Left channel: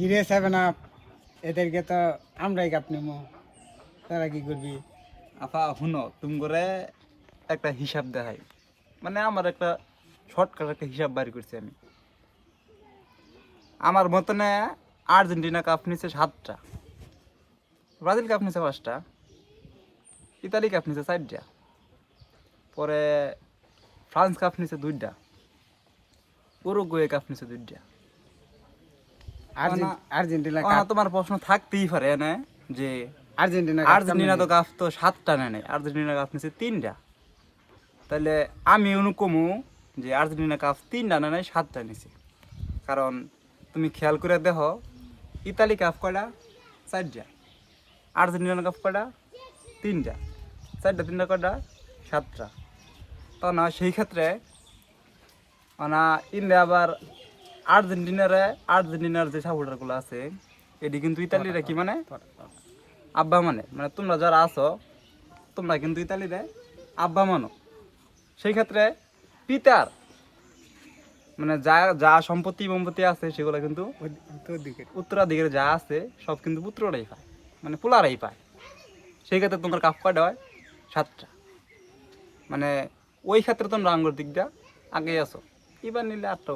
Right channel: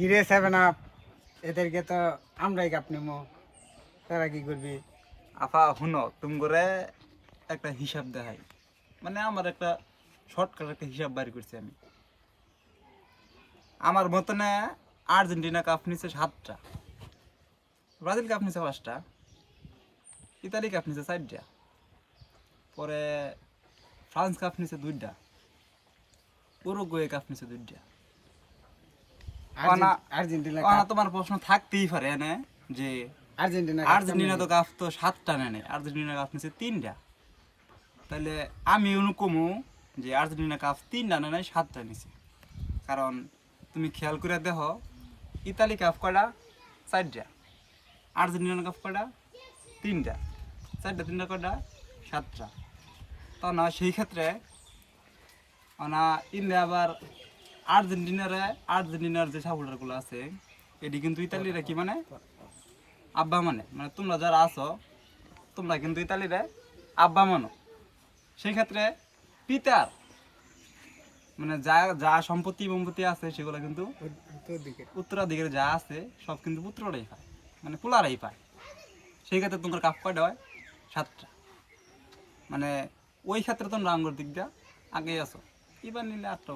কিরে 7 আপ এদেরকে তো আমরাই কাপ নেবো, তারা কি করবি? আফা শুনো তুমি করে একটা হিসাব দেখাই, মানে আমার একটা শর্টকাট একটা হিসাব বাইর করছি আমি। আমার মতনে আর্জেন্টিনা কাপ নিচ্ছে 7টা, ব্রাজিল কাপ নিচ্ছে 5টা, ইতালি কাপ নিচ্ছে 4টা, পরে ফ্রান্স কাপ নিচ্ছে 2টা, উরুগুয়ে কাপ নিচ্ছে 2টা। আর্জেন্টিনা তোমার প্রশ্ন থাকতেই পারে না যে আর্জেন্টিনা তো কাপ তো 7টা নেয়, আর্জেন্টিনা কাপ নিচ্ছে 3টা, তাহলে আমি অনুকমু যে আর্জেন্টিনা কাপ 3টা নেয় 7টা নিছে। কারণ তুমি খেয়াল করে দেখো ইতালি কাপ কয়টা? 4টা। আর্জেন্টিনা কাপ কয়টা? 3টা। 4টা 3টা কয়টা? 7টা। তো না সেই ক্ষেত্রে না ইন্ডিয়া আবার আর্জেন্টিনার যে সাপোর্টারগুলো আছে এটি কিন্তু ইতালিরা কি মানে আব্বা মানে, মানে তোমরা যারা আছো তোমরা কিন্তু ইতালিরে আব্বা মানো। সেই ক্ষেত্রে পিতার মানে যা যা সম্পত্তি আছে সেগুলো কিন্তু উত্তরাধিকারে যা আছে সব কিন্তু পুত্ররাই পায়, মানে পোলারাই পায়। সেই ক্ষেত্রে তোমার কাপ কয়টা হয়? 7টা। মানে ওই ক্ষেত্রে তোমরা আঙ্গুর দিকটা আগে আছো, এবার নিলে 8টা